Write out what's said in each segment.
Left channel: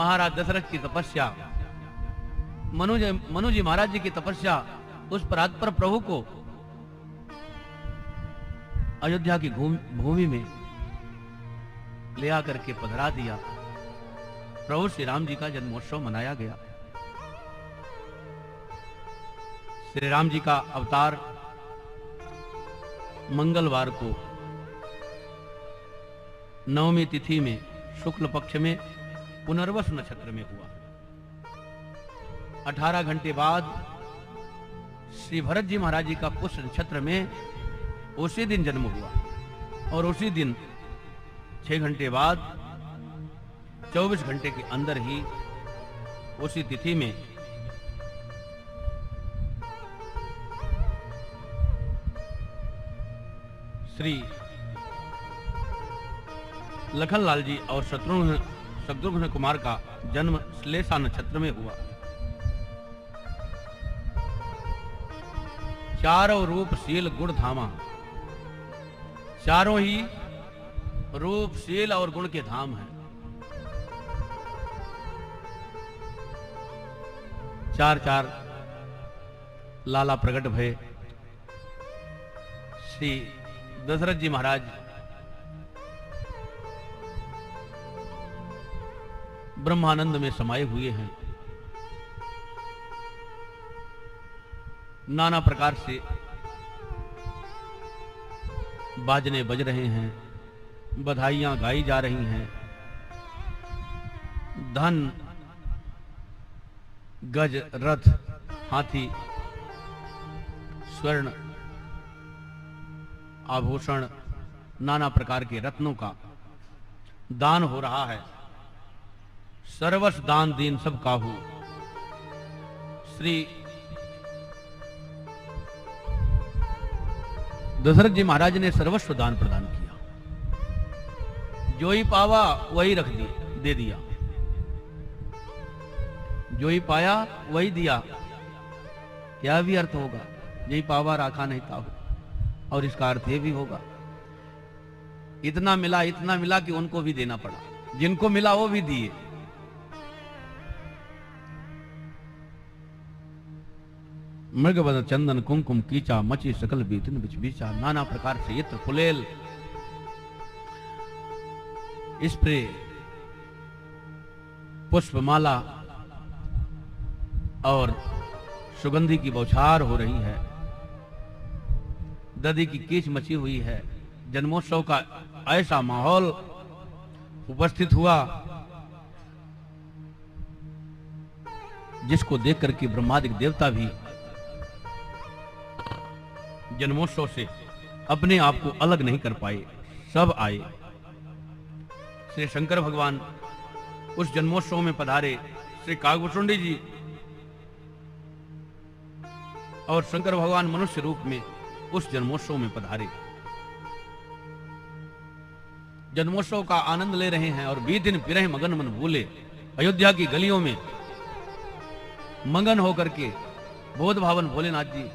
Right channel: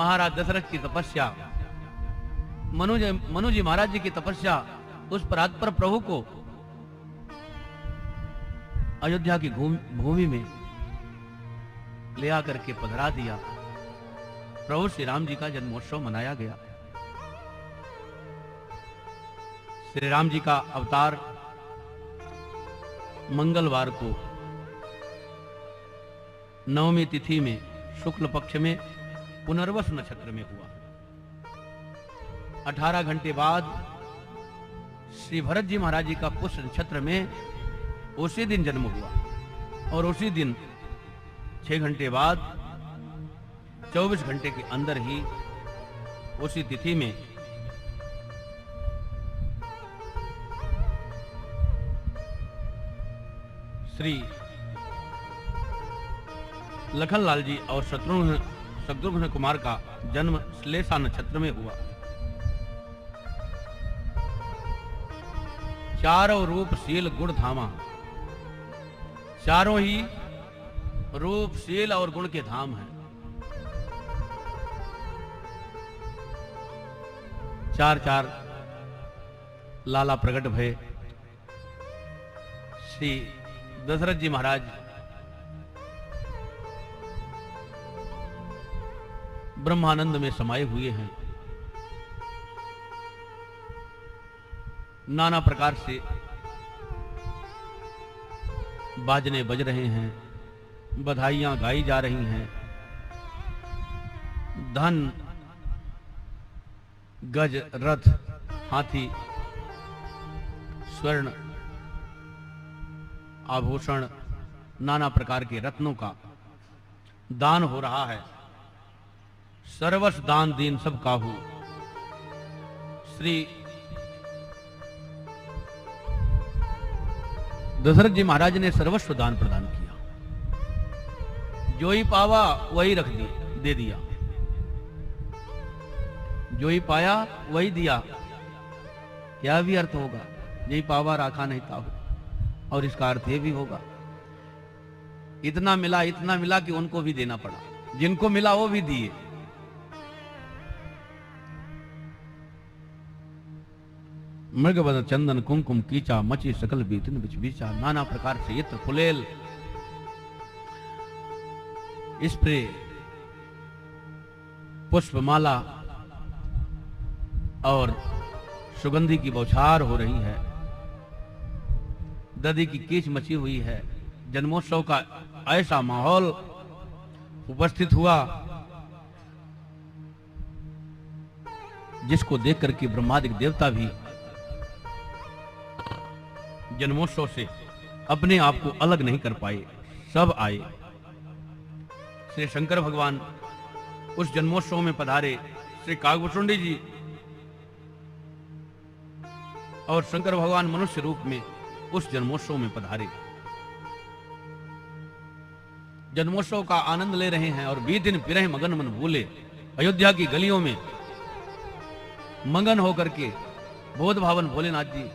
महाराज दशरथ की तपस्या, मनु जी महाराज जी की तपस्या, उस परात्पर प्रभु को अयोध्या की भूमि में ले आकर के पधरा दिया। प्रभु श्री राम जी का जन्मोत्सव मनाया गया। श्री राम जी का अवतार मंगलवार को नवमी तिथि में शुक्ल पक्ष में पुनर्वस नक्षत्र में हुआ। 18 घंटे बाद श्री भरत जी महाराज जी का पुष्य नक्षत्र में उसी दिन जन्म हुआ और उसी दिन 6 घंटे बाद 24 घंटे के अंदर ही उसी तिथि में श्री लखनलाल जी और शत्रुघ्न कुमार का जन्म श्लेषा नक्षत्र में हुआ। चारों रूप शील गुण धामा, चारों ही रूप शील और गुण के धाम हैं। चार लाला प्रकट भय। श्री दशरथ जी महाराज ब्रह्मानंद में समाये हुए हैं। नाना प्रकार से बाजने बज रहे हैं, बधाइयां गाई जा रही हैं। धन, गज, रथ, हाथी, स्वर्ण आभूषण, नाना प्रकार के रत्नों का दान हो रहा है। सर्वस दान दीन सब काहू। श्री दशरथ जी महाराज ने सर्वस्व दान प्रदान किया। जो ही पावा वही रख दिया, दे दिया। जो ही पाया वही दिया। क्या भी अर्थ होगा, यही पावा राखा नहीं था। और इसका अर्थ ये भी होगा, इतना मिला कि उनको भी देना पड़ा। जिनको मिला वो भी दिए। मृगवध चंदन कुमकुम कीचा, मचे सकल बेतिन बिच बीचा। नाना प्रकार से यत्र फुलेल, स्प्रे, पुष्पमाला और सुगंधी की बौछार हो रही है। दधी की कीच मची हुई है। जन्मोत्सव का ऐसा माहौल उपस्थित हुआ जिसको देख करके ब्रह्मादिक देवता भी जन्मोत्सव से अपने आप को अलग नहीं कर पाए। सब आए। श्री शंकर भगवान उस जन्मोत्सव में पधारे। श्री कागभूषुंडी जी और शंकर भगवान मनुष्य रूप में उस जन्मोत्सव में पधारे। जन्मोत्सव का आनंद ले रहे हैं और 20 दिन विरह मगन मन भूले अयोध्या की गलियों में मगन होकर के बोध भवन भोलेनाथ जी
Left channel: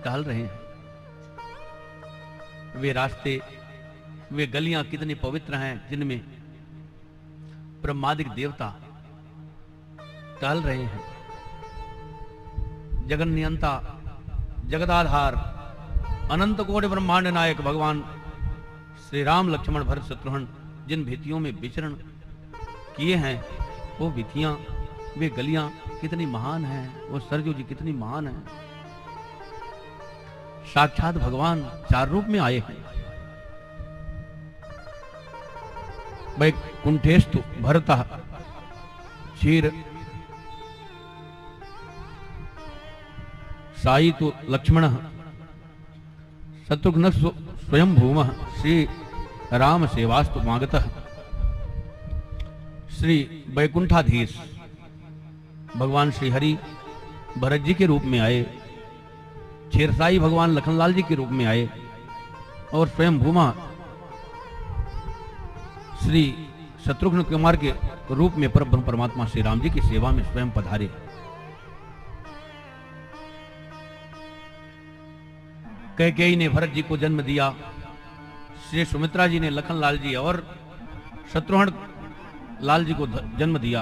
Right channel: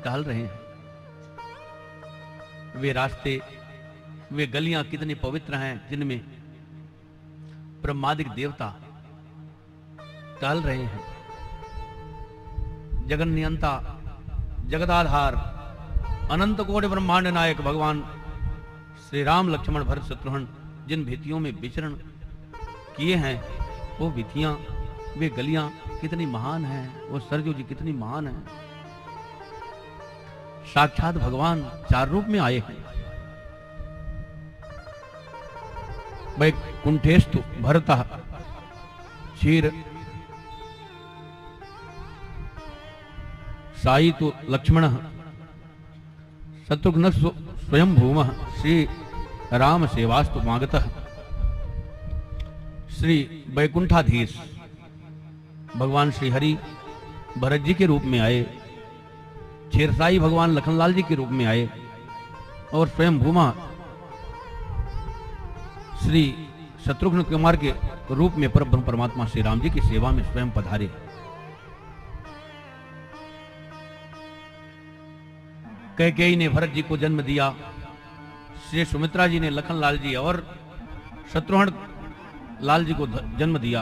टहल रहे हैं। वे रास्ते, वे गलियां कितनी पवित्र हैं जिनमें ब्रह्मादिक देवता टहल रहे हैं। जगन नियंता, जगदाधार, अनंत कोटि ब्रह्मांड नायक भगवान श्री राम लक्ष्मण भरत शत्रुघ्न जिन भितियों में विचरण किए हैं, वो भितियां, वे गलियां कितनी महान है, वो सरजू जी कितनी महान है। साक्षात भगवान 4 रूप में आए हैं। वैकुंठेस्तु भरतः क्षीर साई तो लक्ष्मण शत्रुघ्न स्वयं भूम श्री राम सेवास्तु मागतः। श्री वैकुंठाधीश भगवान श्री हरि भरत जी के रूप में आए। क्षीरसाई भगवान लखनलाल जी के रूप में आए और स्वयं भूमा श्री शत्रुघ्न कुमार के रूप में परब्रह्म परमात्मा श्री राम जी की सेवा में स्वयं पधारे। कैकेयी ने भरत जी को जन्म दिया। श्री सुमित्रा जी ने लखनलाल जी और शत्रुघ्न लाल जी को जन्म दिया।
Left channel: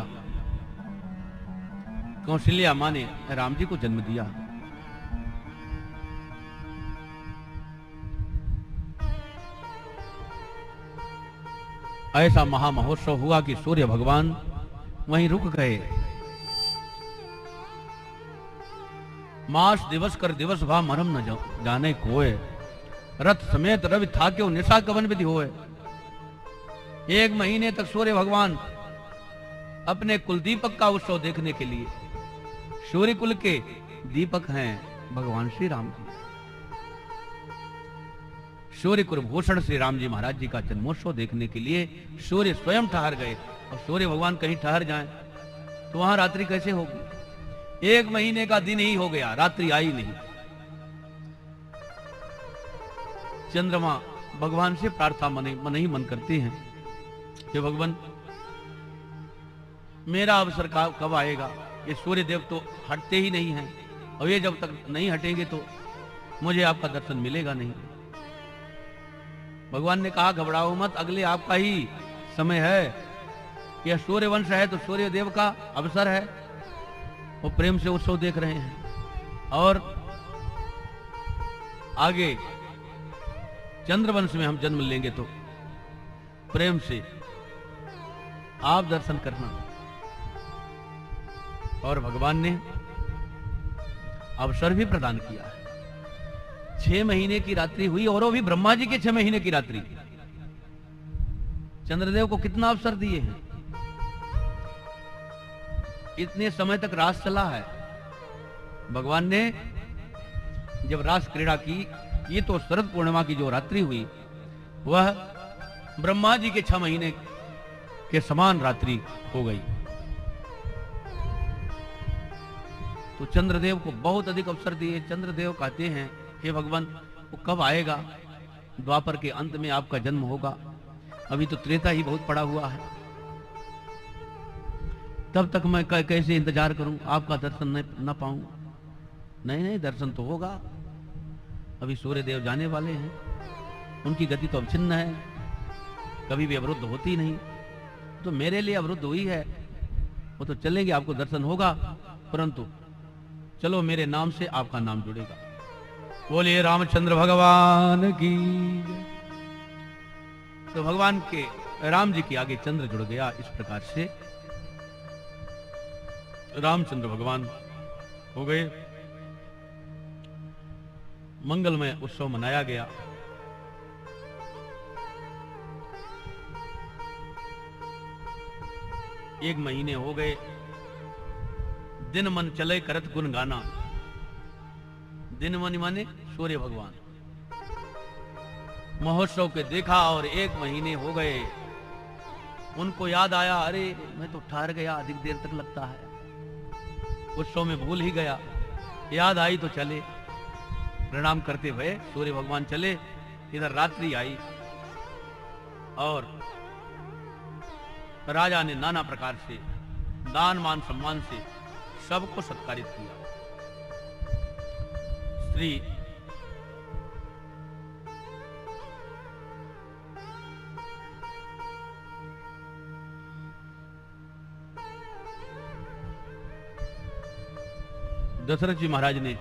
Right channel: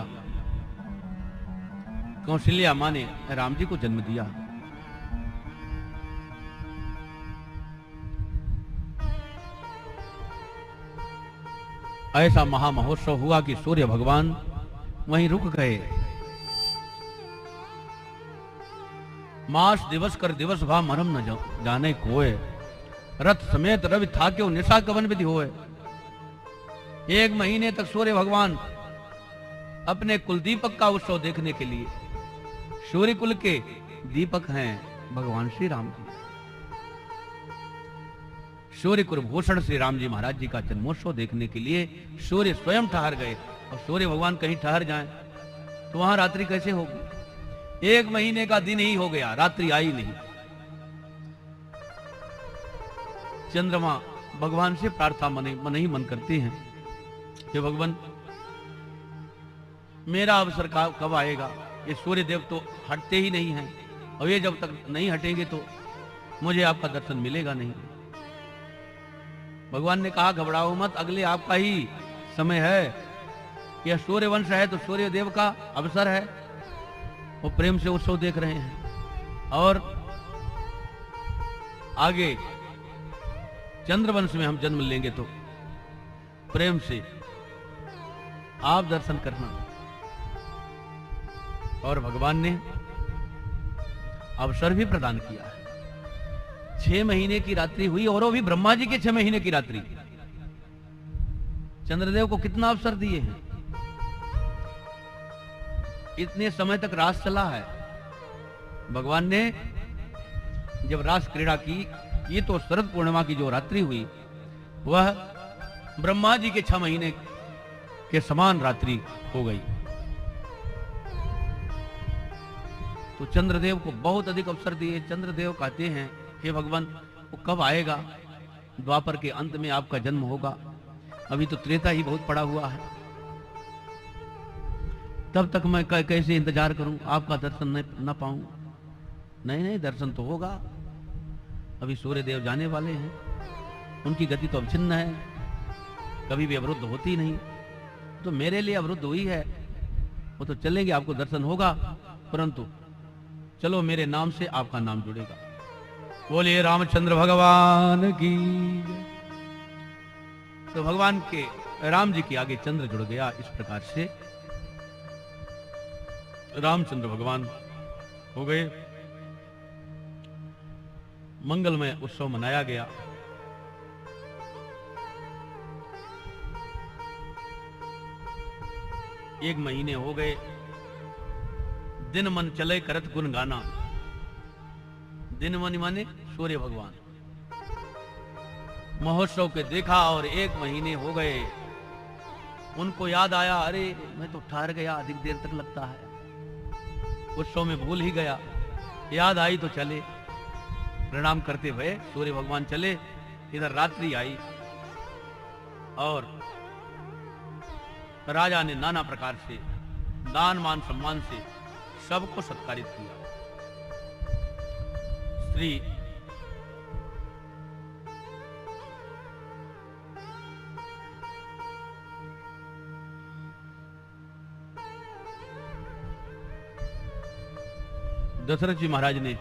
कौशल्या माँ ने राम जी को जन्म दिया होगा। ऐसा महामहोत्सव हुआ कि सूर्य भगवान वहीं रुक गए। मास दिवस कर दिवस भा मरम न जाने कोय, रथ समेत रवि था क्यों निशा कवन विधि होए। 1 महीने तक सूर्य भगवान अपने कुल दीपक का उत्सव देखने के लिए, सूर्य कुल के दीपक हैं भगवान श्री राम जी, सूर्य कुलभूषण श्री राम जी महाराज जी का जन्मोत्सव देखने के लिए सूर्य स्वयं ठहर गए। और सूर्य भगवान कहीं ठहर जाएं तो वहां रात्रि कैसे होगी। 1 महीने का दिन ही हो गया, रात्रि आई नहीं। चंद्रमा भगवान से प्रार्थना मन ही मन करते हैं कि भगवान मेरा अवसर कब आएगा। ये सूर्य देव तो हटते ही नहीं हैं, और ये जब तक नहीं हटेंगे तो मुझे आपका दर्शन मिलेगा नहीं। भगवान ने कहा घबराओ मत, अगले आपका ही समय है। यह सूर्य वंश है तो सूर्य देव का अवसर है, वो प्रेम से उत्सव देख रहे हैं। और आगे चंद्रवंश में हम जन्म लेंगे तो प्रेम से आप दर्शन करना। और भगवान ने अवसर भी प्रदान किया। 6 महीने की रात्रि हुई, और वो भी ब्रह्मा जी की 6 महीने की रात्रि। चंद्रदेव को कितना अवसर दिए हैं। इतने समय तक रास चला है। भगवान ने जब रास क्रीड़ा की, ये तो शरद पूर्णिमा की जो रात्रि हुई वह ब्रह्मा जी के 6 महीने के समान रात्रि हो गई। तो चंद्रदेव को बहुत अधिक अवसर दिए। चंद्रदेव कहते हैं कि भगवान वो कब आएगा, द्वापर के अंत में आपका जन्म होगा, अभी तो त्रेता ही बहुत पड़ा हुआ है, तब तक मैं कैसे इंतजार करूं, आपका दर्शन न पाऊं। नहीं, दर्शन तो होगा। अभी सूर्य देव जाने वाले हैं, उनकी गति तो अभिन्न है, कभी भी अवरुद्ध होती नहीं। तो मेरे लिए अवरुद्ध हुई है, वो तो चलेंगे, आपको दर्शन होगा, परंतु चलो मेरे नाम से आपका नाम जुड़ेगा। बोलिए रामचंद्र भगवान की। तो भगवान के राम जी के आगे चंद्र जुड़ गया। इस प्रकार से रामचंद्र भगवान हो गए। मंगलमय उत्सव मनाया गया। एक महीने हो गए, दिन मन चले करत गुण गाना। दिन मन माने सूर्य भगवान। महोत्सव के देखा और 1 महीने हो गए। उनको याद आया, अरे मैं तो ठहर गया, अधिक देर तक लगता है, उत्सव में भूल ही गया। याद आई तो चले, प्रणाम करते हुए सूर्य भगवान चले। इधर रात्रि आई और राजा ने नाना प्रकार से दान मान सम्मान से सबको सत्कारित किया। स्त्री दशरथ जी महाराज ने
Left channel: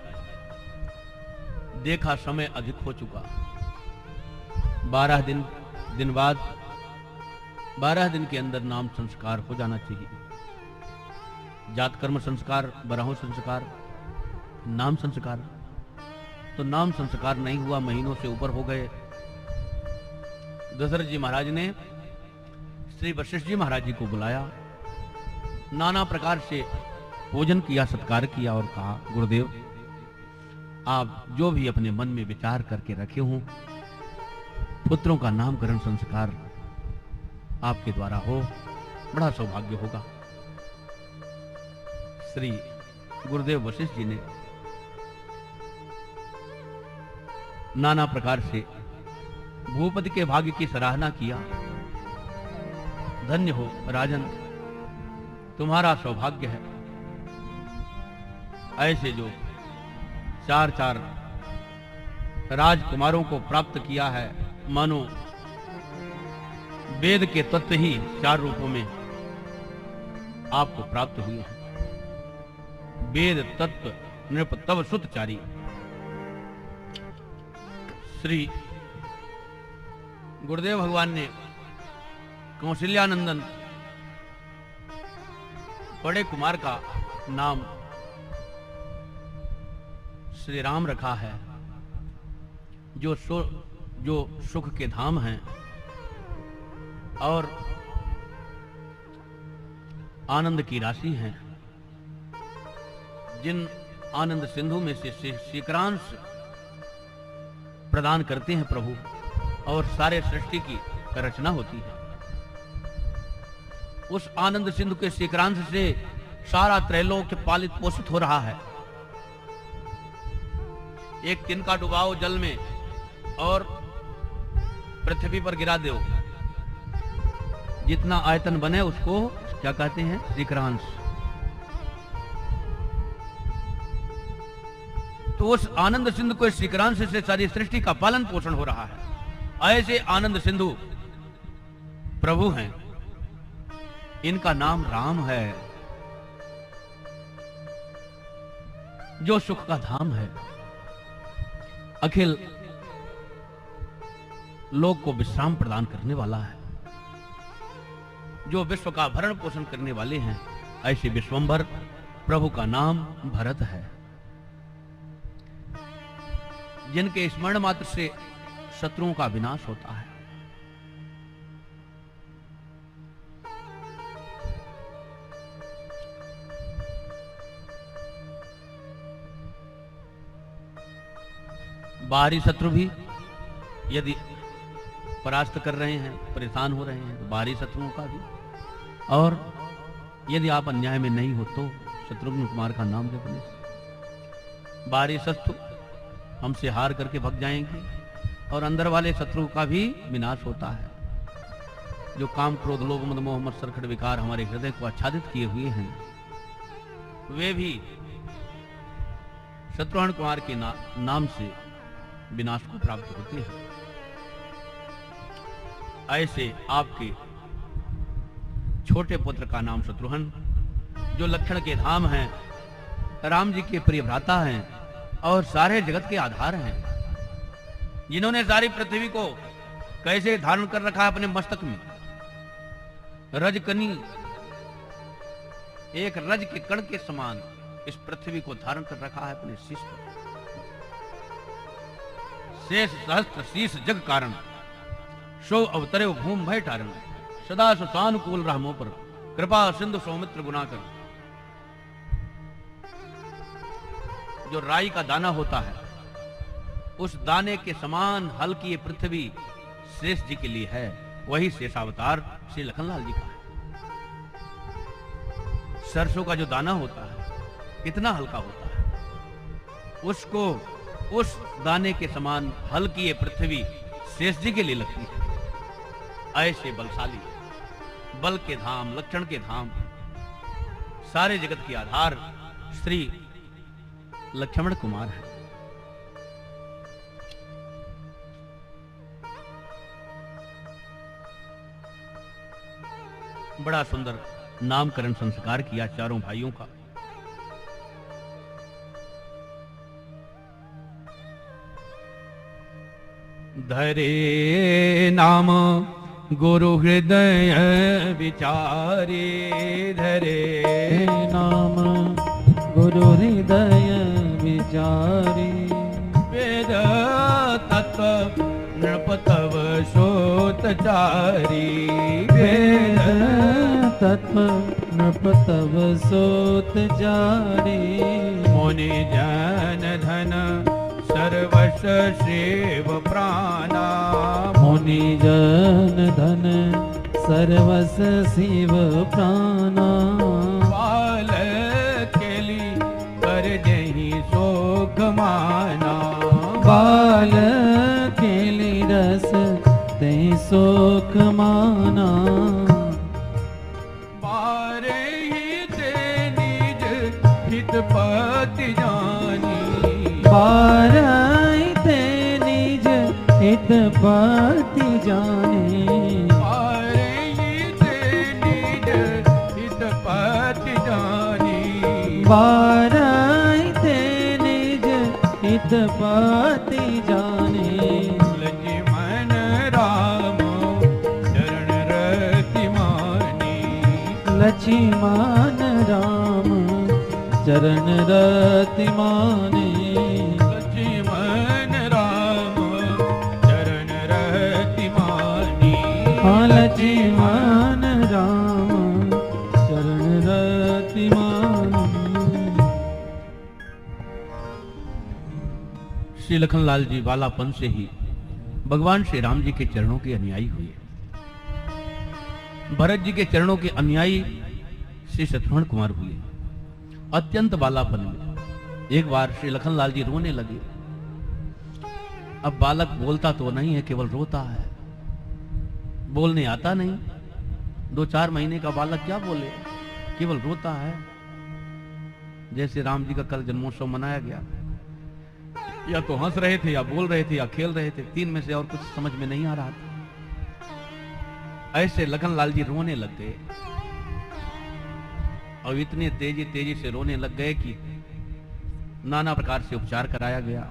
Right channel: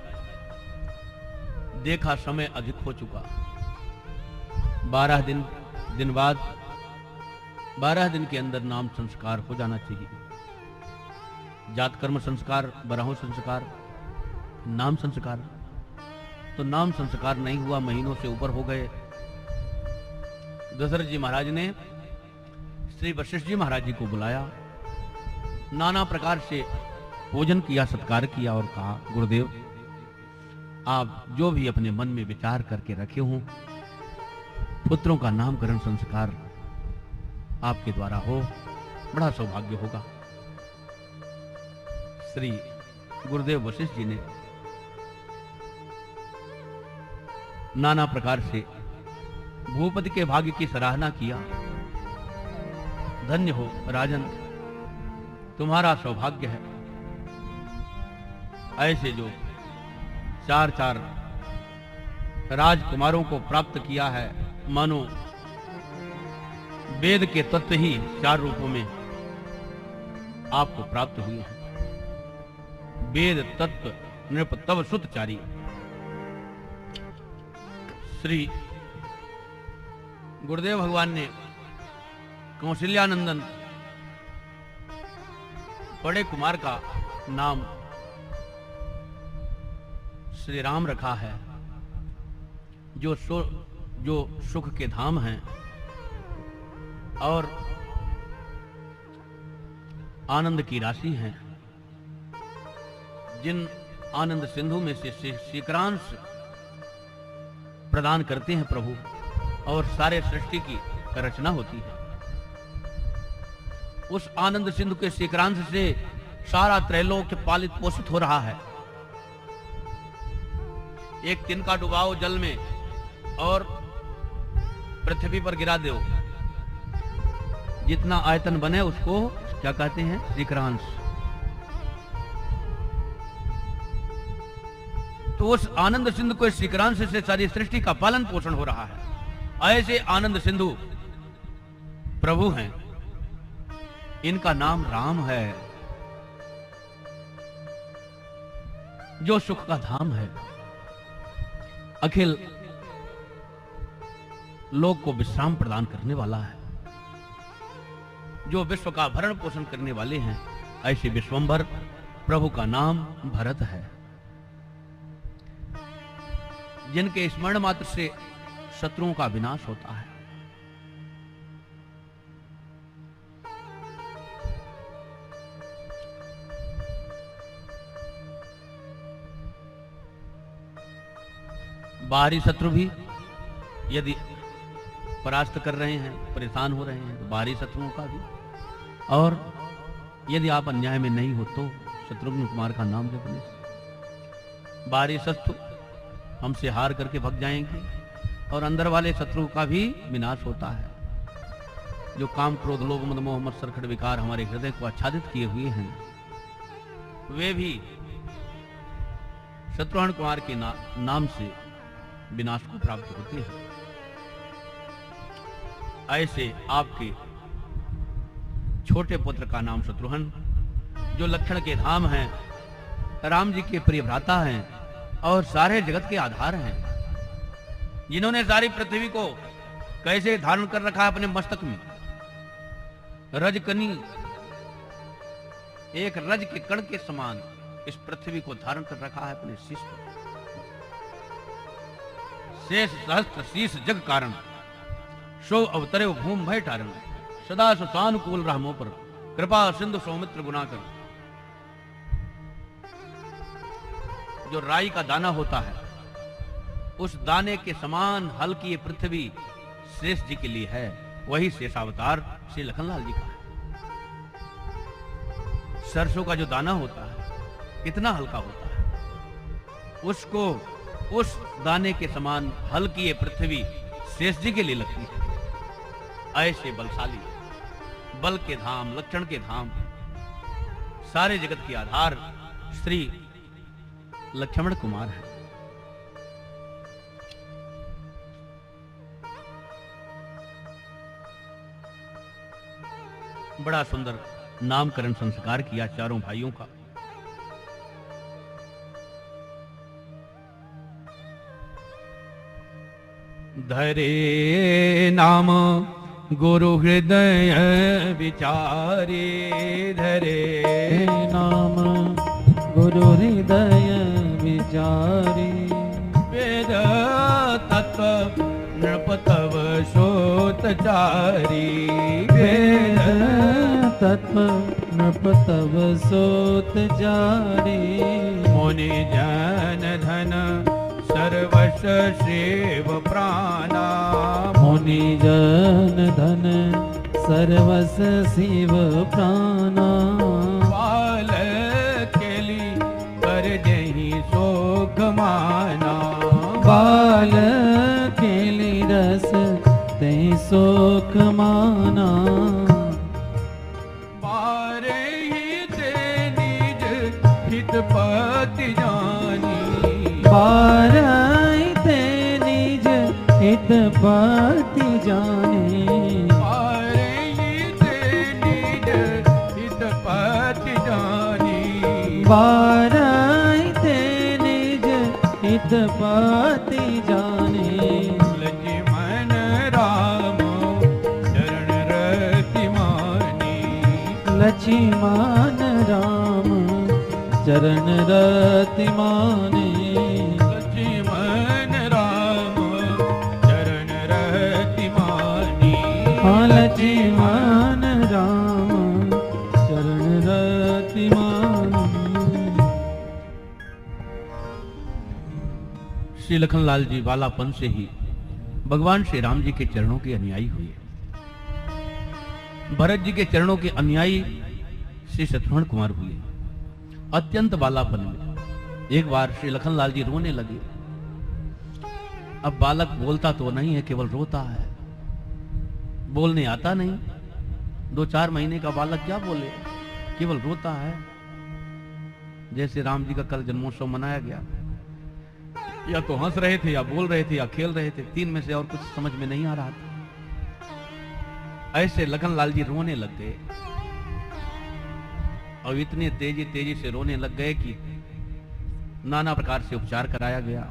देखा समय अधिक हो चुका। 12 दिन बाद 12 दिन के अंदर नाम संस्कार हो जाना चाहिए। जात कर्म संस्कार, बरहु संस्कार, नाम संस्कार। तो नाम संस्कार नहीं हुआ, महीनों से ऊपर हो गए। दशरथ जी महाराज ने श्री वशिष्ठ जी महाराज जी को बुलाया, नाना प्रकार से भोजन किया, सत्कार किया और कहा, गुरुदेव आप जो भी अपने मन में विचार करके रखे हो, पुत्रों का नामकरण संस्कार आपके द्वारा हो, बड़ा सौभाग्य होगा। श्री गुरुदेव वशिष्ठ जी ने नाना प्रकार से भूपति के भाग्य की सराहना किया। धन्य हो राजन, तुम्हारा सौभाग्य है। ऐसे जो 4 राजकुमारों को प्राप्त किया है, मानो वेद के तत्व ही 4 रूपों में आपको प्राप्त हुए। वेद तत्व नृप तव सुतचारी। श्री गुरुदेव भगवान ने कौशल्यानंदन बड़े कुमार का नाम श्री राम रखा है, जो सुख के धाम हैं और आनंद की राशि हैं, जिन आनंद सिंधु में से शेखरांश प्रदान करते हैं प्रभु, और सारे सृष्टि की रचना होती है। उस आनंद सिंधु के शेखरांश से सारा त्रैलोक पालित पोषित हो रहा है। एक दिन का डुबाओ जल में और पृथ्वी पर गिरा दो, जितना आयतन बने उसको क्या कहते हैं? शेखरांश। तो उस आनंद सिंधु को शेखरांश से सारी सृष्टि का पालन पोषण हो रहा है। ऐसे आनंद सिंधु प्रभु हैं, इनका नाम राम है, जो सुख का धाम है, अखिल लोक को विश्राम प्रदान करने वाला है, जो विश्व का भरण पोषण करने वाले हैं। ऐसे विश्वंभर प्रभु का नाम भरत है, जिनके स्मरण मात्र से शत्रुओं का विनाश होता है। बाहरी शत्रु भी यदि परास्त कर रहे हैं, परेशान हो रहे हैं, तो बाहरी शत्रुओं का भी, और यदि आप अन्याय में नहीं हो तो शत्रुघ्न कुमार का नाम जपने से बाहरी शत्रु हमसे हार करके भग जाएंगे, और अंदर वाले शत्रुओं का भी विनाश होता है। जो काम क्रोध लोभ मद मोह मत्सर खट विकार हमारे हृदय को आच्छादित किए हुए हैं, वे भी शत्रुघ्न कुमार के नाम से विनाश को प्राप्त होते हैं। ऐसे आपके छोटे पुत्र का नाम शत्रुघ्न, जो लक्षण के धाम हैं, राम जी के प्रिय भ्राता हैं और सारे जगत के आधार हैं, जिन्होंने सारी पृथ्वी को कैसे धारण कर रखा है अपने मस्तक में। रजकनी एक रज के कण के समान इस पृथ्वी को धारण कर रखा है अपने शीश पर। शेष सहस्त्र शीश जग कारण, सो अवतरे भूम भय तारण, सदा सानुकूल रामों पर, कृपा सिंधु सौमित्र गुणाकर। जो राई का दाना होता है, उस दाने के समान हल्की ये पृथ्वी शेष जी के लिए है। वही शेषावतार श्री लखनलाल जी का है। सरसों का जो दाना होता है कितना हल्का होता है, उसको उस दाने के समान हल्की ये पृथ्वी शेष जी के लिए लगती है। ऐसे बलशाली, बल के धाम, लक्षण के धाम, सारे जगत के आधार श्री लक्ष्मण कुमार है। बड़ा सुंदर नामकरण संस्कार किया चारों भाइयों का। धरे नाम गुरु हृदय विचारे, धरे नाम गुरु हृदय विचारे, वेद तत्व नृप तव सोतचारी, वेद तत्व नृप तव सोतचारी। मुनि जन धन सर्वस्व सेव प्राणा, मुनि जन धन सर्वस्व सेव प्राणा, सुख माना। पारे हिते निज हितपति जानी, पारे हिते निज हितपति जानी, पारे हिते निज हितपति जानी, पारे हित पति जाने लक्ष्मण राम चरण रति मानी लक्ष्मण राम चरण रति माने लक्ष्मण राम चरण रति मानी हाँ लक्ष्मण राम चरण रति माने। श्री लखनलाल जी बालापन से ही भगवान श्री राम जी के चरणों के अनुयायी हुए। भरत जी के चरणों के अनुयायी श्री शत्रुघ्न कुमार हुए। अत्यंत बालापन में एक बार श्री लखनलाल जी रोने लगे। अब बालक बोलता तो नहीं है, केवल रोता है, बोलने आता नहीं। 2-4 महीने का बालक क्या बोले, केवल रोता है। जैसे राम जी का कल जन्मोत्सव मनाया गया, या तो हंस रहे थे, या बोल रहे थे, या खेल रहे थे, 3 में से और कुछ समझ में नहीं आ रहा था। ऐसे लखनलाल जी रोने लग गए, और इतने तेजी से रोने लग गए कि नाना प्रकार से उपचार कराया गया।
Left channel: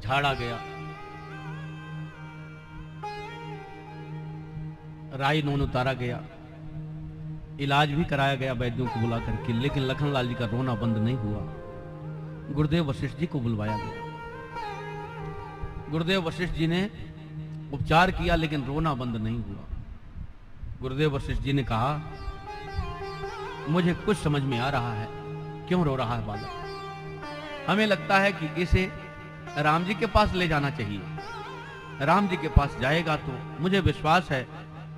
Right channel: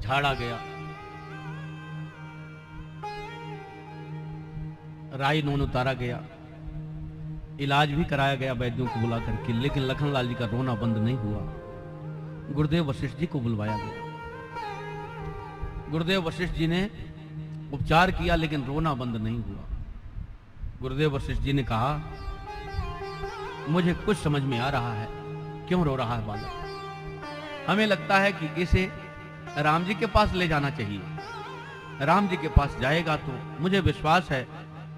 झाड़ा गया, राई नून उतारा गया, इलाज भी कराया गया वैद्यों को बुला करके, लेकिन लखनलाल जी का रोना बंद नहीं हुआ। गुरुदेव वशिष्ठ जी को बुलवाया गया। गुरुदेव वशिष्ठ जी ने उपचार किया, लेकिन रोना बंद नहीं हुआ। गुरुदेव वशिष्ठ जी ने कहा, मुझे कुछ समझ में आ रहा है, क्यों रो रहा है बालक? हमें लगता है कि इसे राम जी के पास ले जाना चाहिए। राम जी के पास जाएगा तो मुझे विश्वास है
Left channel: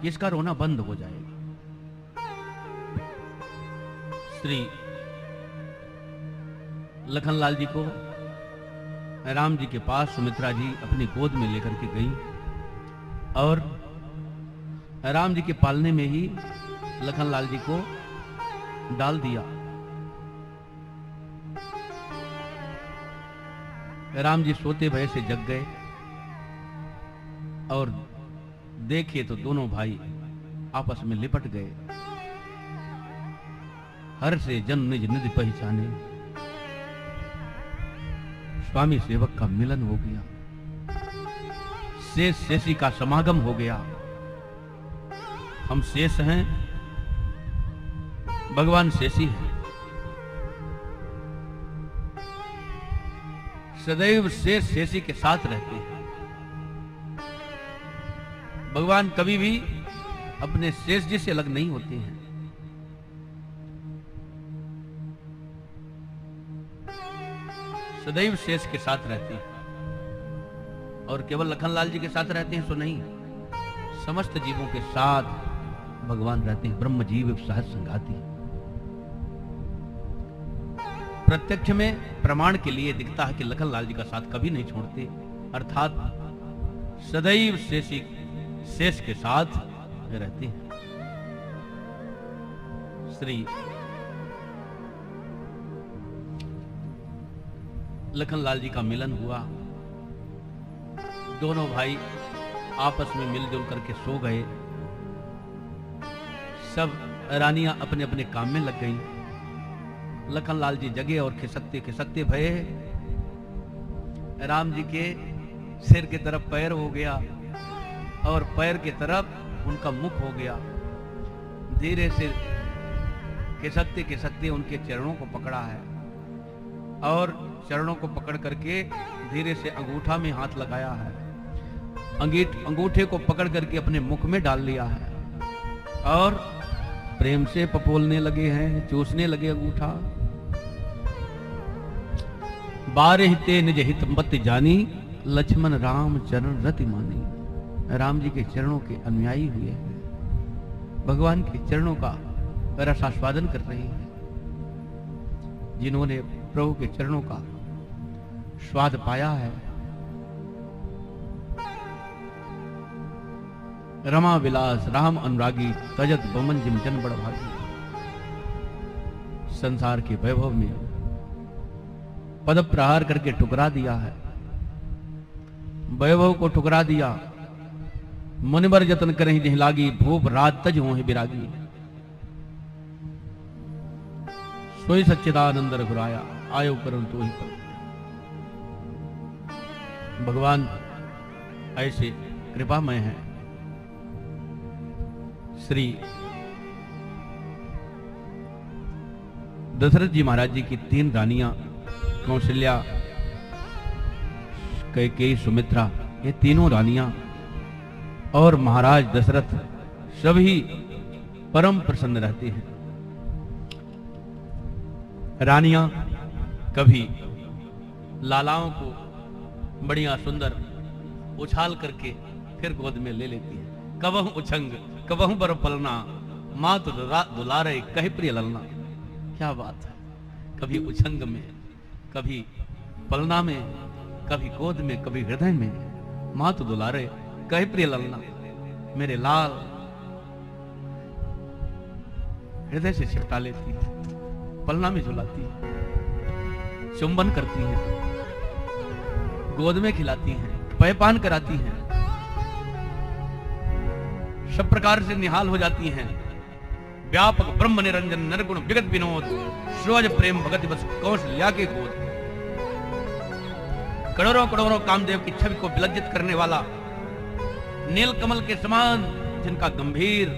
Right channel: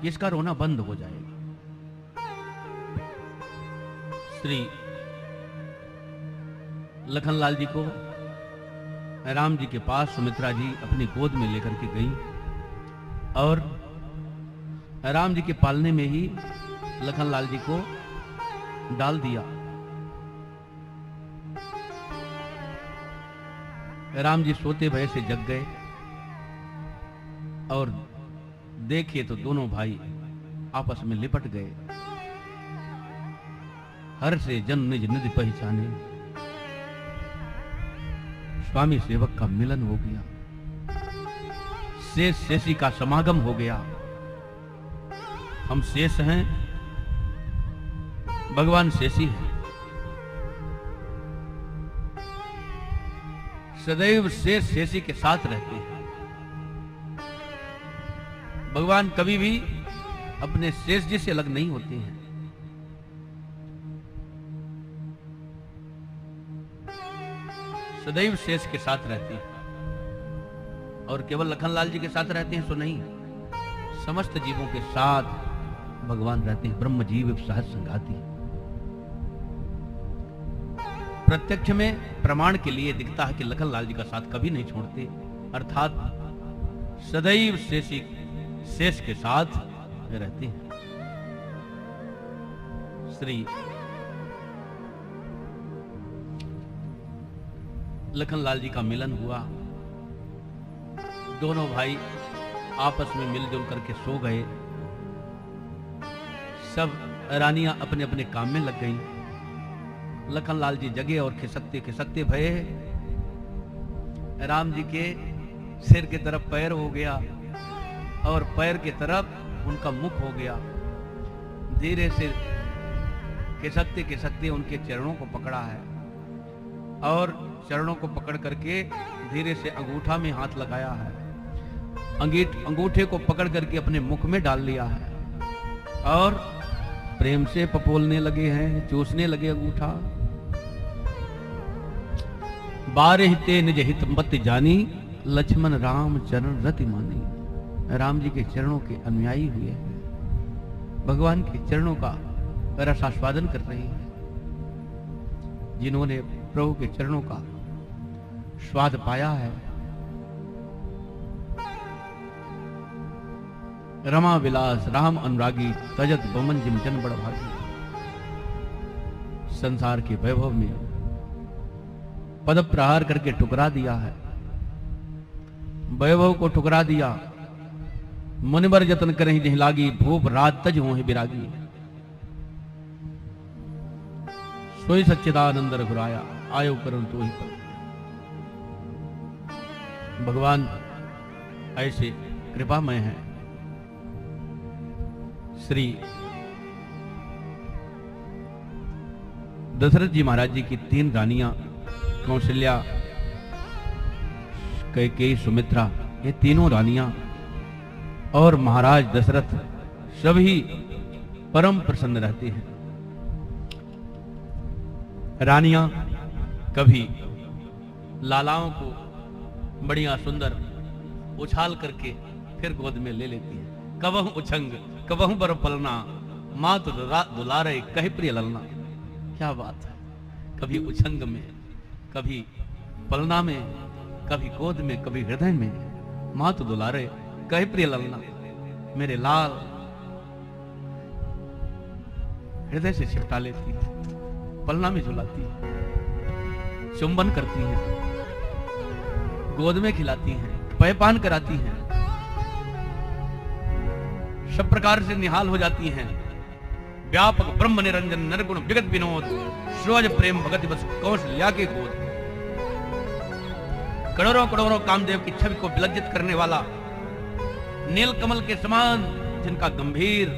कि इसका रोना बंद हो जाएगा। श्री लखनलाल जी को राम जी के पास सुमित्रा जी अपनी गोद में लेकर के गई, और राम जी के पालने में ही लखनलाल जी को डाल दिया। राम जी सोते भय से जग गए, और देखे तो दोनों भाई आपस में लिपट गए। हर से जन निज निज पहचाने, स्वामी सेवक का मिलन हो गया, शेष शेषी का समागम हो गया। हम शेष हैं, भगवान शेषी है। सदैव शेष शेषी के साथ रहते हैं। भगवान कभी भी अपने शेष जी से अलग नहीं होते हैं। सदैव शेष के साथ रहते हैं, और केवल लखनलाल जी के साथ रहते हैं तो नहीं, समस्त जीवों के साथ भगवान रहते हैं। ब्रह्म जीव सहज संगाति। प्रत्यक्ष में प्रमाण के लिए दिखता है कि लखनलाल जी का साथ कभी नहीं छोड़ते, अर्थात सदैव शेषी शेष के साथ में रहते हैं। श्री लखनलाल जी का मिलन हुआ। दोनों भाई आपस में मिलजुल करके सो गए। सब रानियां अपने अपने काम में लग गईं। लखनलाल जी जगे और खिसकते खिसकते भये। राम जी के सिर की तरफ पैर हो गया, और पैर की तरफ उनका मुख हो गया। धीरे से खिसकते खिसकते उनके चरणों को पकड़ा है, और चरणों को पकड़ करके धीरे से अंगूठा में हाथ लगाया है। अंगूठे को पकड़ करके अपने मुख में डाल लिया है, और प्रेम से पकोलने लगे हैं, चूसने लगे अंगूठा। बारह ते निज हित मत जानी, लक्ष्मण राम चरण रति मानी। राम जी के चरणों के अनुयायी हुए, भगवान के चरणों का रस आस्वादन कर रहे हैं। जिन्होंने प्रभु के चरणों का स्वाद पाया है, रमा विलास राम अनुरागी, तजत बमन जिम जन बड़ भागी। संसार के वैभव ने पद प्रहार करके टुकरा दिया है, वैभव को टुकरा दिया। मुनिबर जतन करहि जहि लागी, भूप रात तज होहि बिरागी। सोई सच्चिदानंद रघुराया, आयो करन तो ही पर। भगवान ऐसे कृपामय है। श्री दशरथ जी महाराज जी की 3 रानियां, कौशल्या, कैकेयी, सुमित्रा, ये तीनों रानियां और महाराज दशरथ सभी परम प्रसन्न रहते हैं। रानियां कभी लालाओं को बढ़िया सुंदर उछाल करके फिर गोद में ले लेती है। कबहू उछंग कबहू बर पलना, मात रात बुला रहे कहीं प्रिय ललना। क्या बात है, कभी उछंग में, कभी पलना में, कभी गोद में, कभी हृदय में, मात दुलारे कहे प्रिय ललना। मेरे लाल हृदय से छिटा लेती है, पलना में झुलाती है, चुंबन करती है, गोद में खिलाती है, पेयपान कराती है, सब प्रकार से निहाल हो जाती है। व्यापक ब्रह्म निरंजन निर्गुण जगत विनोद, शिवाज प्रेम भगत बस कौशल्या के गोद। करोड़ों करोड़ों कामदेव की छवि को विलज्जित करने वाला नील कमल के समान जिनका गंभीर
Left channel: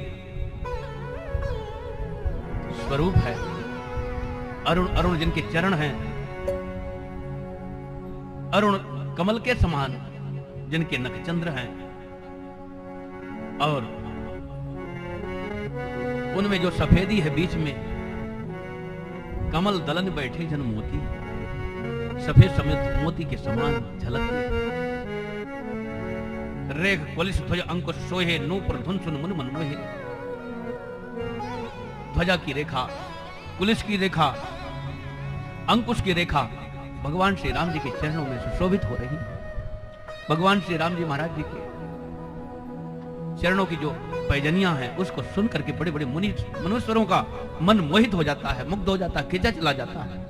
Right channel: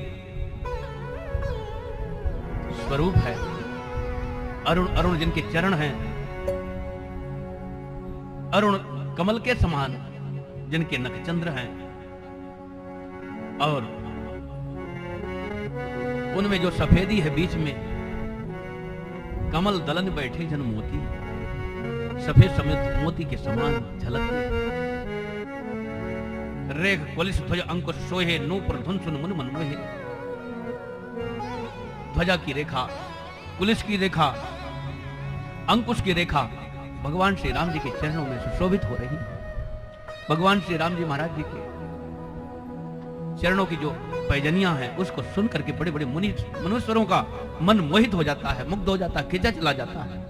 स्वरूप है, अरुण अरुण जिनके चरण हैं, अरुण कमल के समान जिनके नखचंद्र हैं, और उनमें जो सफेदी है बीच में, कमल दलन बैठे जन मोती, सफेद समेत मोती के समान झलकते। रेख पुलिस ध्वज अंकुश सोहे, नूपुर धुन सुन मुन मन मोहे। ध्वजा की रेखा, पुलिस की रेखा, अंकुश की रेखा भगवान श्री राम जी के चरणों में सुशोभित हो रही। भगवान श्री राम जी महाराज जी के चरणों की जो पैजनियां हैं उसको सुन करके बड़े बड़े मनुष्यरों का मन मोहित हो जाता है, मुग्ध हो जाता है, खिंचा चला जाता है।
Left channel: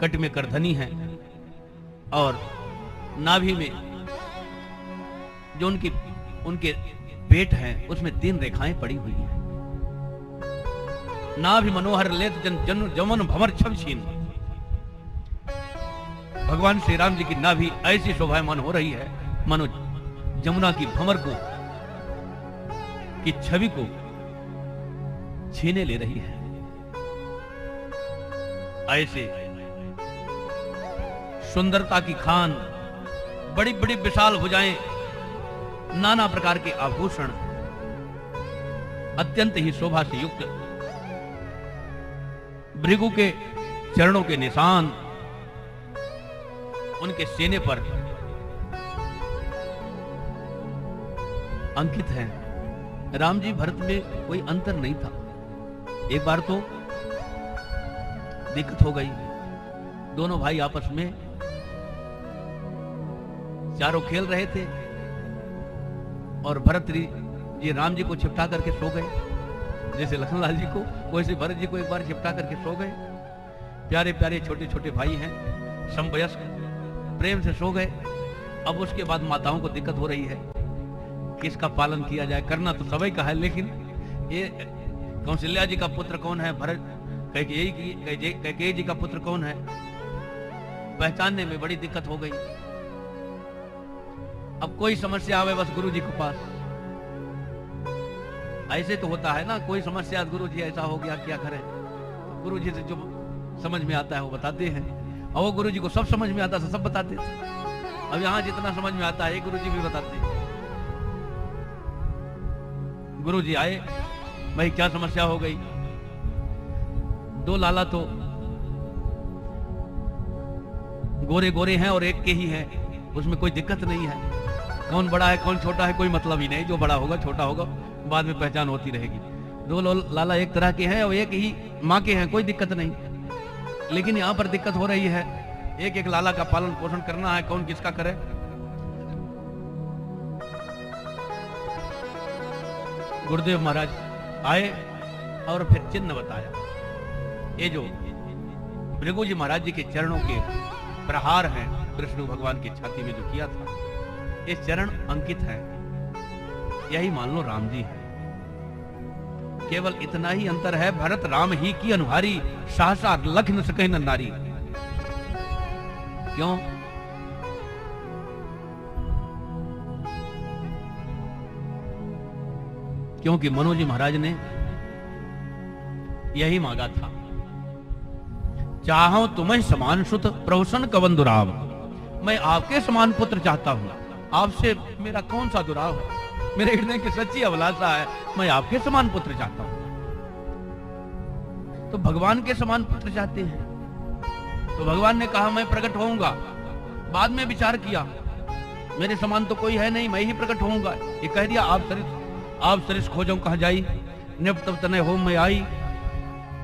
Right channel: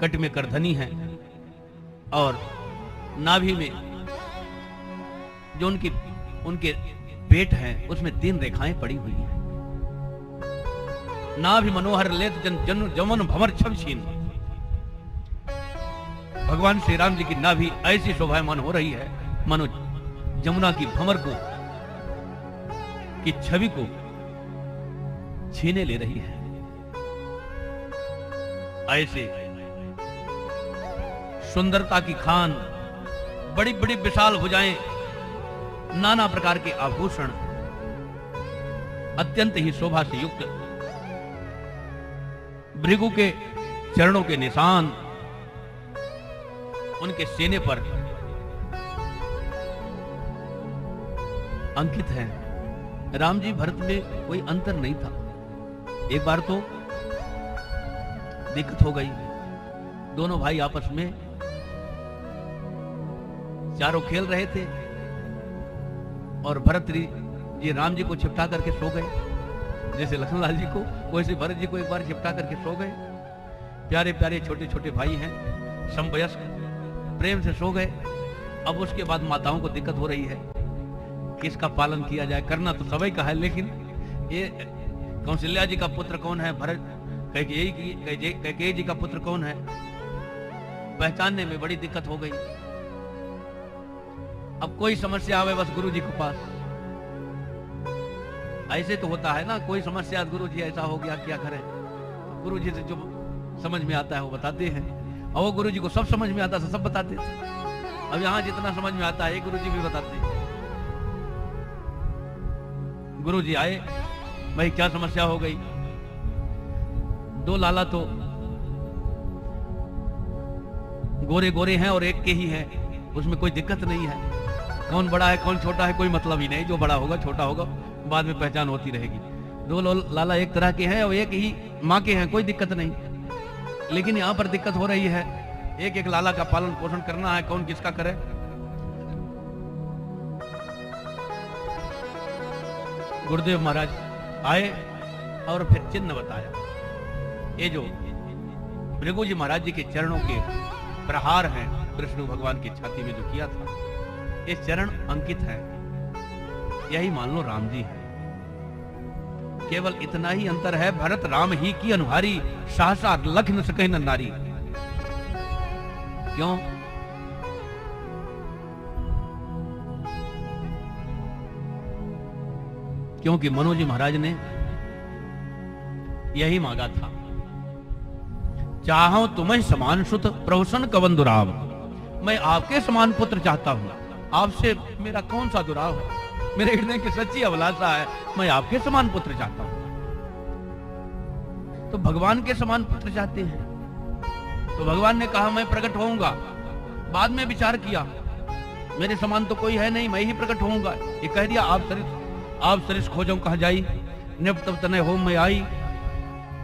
कट में करधनी है और नाभि में जो उनके पेट हैं उसमें 3 रेखाएं पड़ी हुई हैं। नाभि मनोहर लेत जन जमन भवर छमछीन। भगवान श्री राम जी की नाभि ऐसी शोभायमान हो रही है मानो जमुना की भंवर को की छवि को छीने ले रही है। ऐसे सुंदरता की खान, बड़ी बड़ी विशाल भुजाएं, नाना प्रकार के आभूषण, अत्यंत ही शोभा से युक्त, भृगु के चरणों के निशान उनके सीने पर अंकित है। राम जी भरत में कोई अंतर नहीं था। एक बार तो दिक्कत हो गई, दोनों भाई आपस में चारों खेल रहे थे और भरत जी राम जी को छिपटा करके सो गए, जैसे लक्ष्मणलाल जी को वैसे भरत जी को एक बार छिपटा करके सो गए। प्यारे प्यारे छोटे छोटे भाई हैं, समवयस्क, प्रेम से सो गए। अब उसके बाद माताओं को दिक्कत हो रही है, किसका पालन किया जाए। करना तो सभी का है, लेकिन ये कौशल्या जी का पुत्र कौन है, भरत कैकेयी जी का पुत्र कौन है, पहचानने में बड़ी दिक्कत हो गई। अब कोई समस्या आवे बस गुरु जी के पास। ऐसे तो होता है ना, कोई समस्या गुरु जी ऐसा हो गया क्या करें। गुरु जी से जो समझ में आता है वो बताते हैं, और वो गुरु जी को सब समझ में आता है, सब बताते हैं। अब यहाँ जितना समझ में आता है गुरु जी भी बताते हैं। गुरु जी आए, भाई क्या समस्या हो गई। 2 लाला तो गोरे गोरे हैं और एक के ही है, उसमें कोई दिक्कत नहीं है। कौन बड़ा है कौन छोटा है कोई मतलब ही नहीं, जो बड़ा होगा छोटा होगा बाद में पहचान होती रहेगी। 2 लाला एक तरह के हैं और एक ही माँ के हैं, कोई दिक्कत नहीं। लेकिन यहाँ पर दिक्कत हो रही है, एक एक लाला का पालन पोषण करना है, कौन किसका करे। गुरुदेव महाराज आए और फिर चिन्ह बताया। ये जो भृगु जी महाराज जी के चरणों के प्रहार हैं, कृष्ण भगवान की छाती में जो किया था, ये चरण अंकित है, यही मान लो राम जी है। केवल इतना ही अंतर है, भरत राम ही की अनुहारी, सहसा लख न सके न नारी। क्यों? क्योंकि मनोजी महाराज ने यही मांगा था, चाहो तुम्हें समान सुत प्रवसन कवन दुराव। मैं आपके समान पुत्र चाहता हूं, आपसे मेरा कौन सा दुराव है, मेरे हृदय की सच्ची अभिलाषा है, मैं आपके समान पुत्र चाहता हूं। तो भगवान के समान पुत्र चाहते हैं, तो भगवान ने कहा मैं प्रकट होऊंगा। बाद में विचार किया, मेरे समान तो कोई है नहीं, मैं ही प्रकट होऊंगा। ये कह दिया, आप सरिस खोजो कहाँ जाई, निप तब तने हो मैं आई,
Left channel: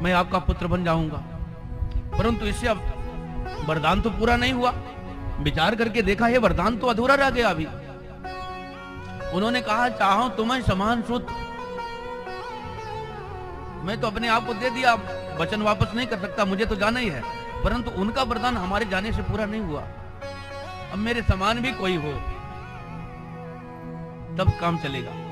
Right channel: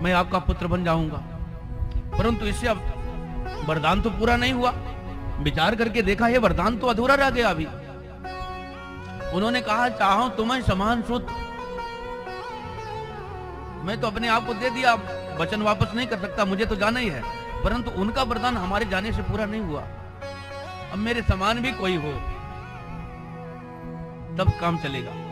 मैं आपका पुत्र बन जाऊंगा। परंतु इससे अब वरदान तो पूरा नहीं हुआ। विचार करके देखा, ये वरदान तो अधूरा रह गया अभी। उन्होंने कहा, चाहो तुम्हें समान सुत, मैं तो अपने आप को दे दिया, वचन वापस नहीं कर सकता, मुझे तो जाना ही है। परंतु उनका वरदान हमारे जाने से पूरा नहीं हुआ। अब मेरे समान भी कोई हो तब काम चलेगा।